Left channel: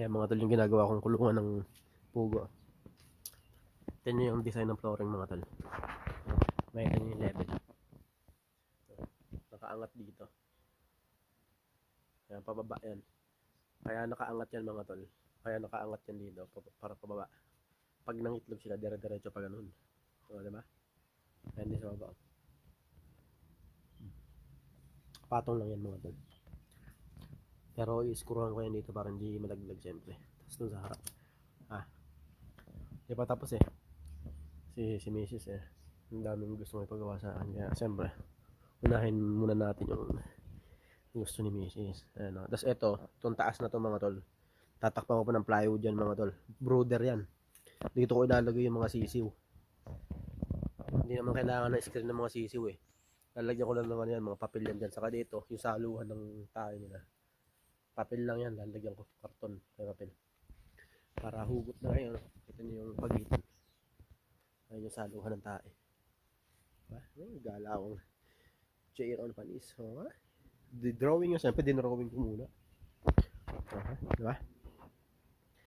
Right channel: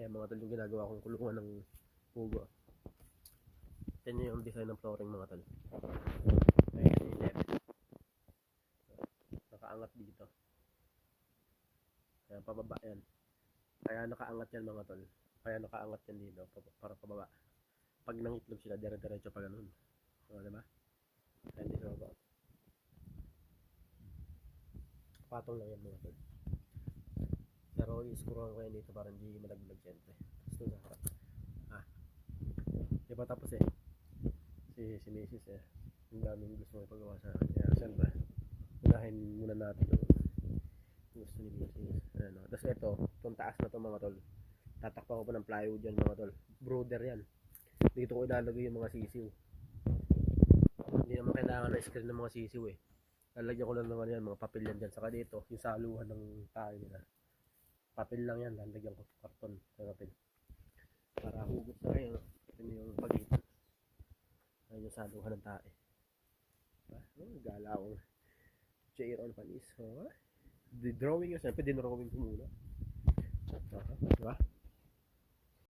Ayan mga tol, yung ginagawa kong kulungan ng pugo. Ito yung design ng flooring mga tol. May level. Nakaangat dito. Ayan, pababa yan. Kaya nakaangat yan mga tol. Kaya nakaangat yan dito para pababa. Pag nangitlog sila, dire-diretso pa ganun. So, diba? Ayan din sa baba. Patong lang yan mga tol. Pero i-screwan ko yan dito para hindi malaglag siyempre. Tapos dun sa harap. Di pa tapos eh. Si Mrs. eh. Ang daming gusto may pagawa sa akin. Kaya siyempre, unahin muna natin yung gusto ni Mrs. Ayan, tapos ito, itong taas na to mga tol. Tatakpan ko pa ng plywood yan mga tol. Brooder yan. Dito ko ilalagay yung mga sisiw. Hindi naman kailangan ng screen ng mga sisiw eh. Lalagyan ko lang naman yan, mga papel yan dyan. Saka dito, yung saluhan ng tayo nila. Papel lang yan, lalagyan ko karton. Papel. Para hugot na kayo. Ito yung pagitan. Ayun yung saluhan ng tae. Diba? Gala akong chair on panis. The drawing yun, siyempre dinrawing ko muna. Diba?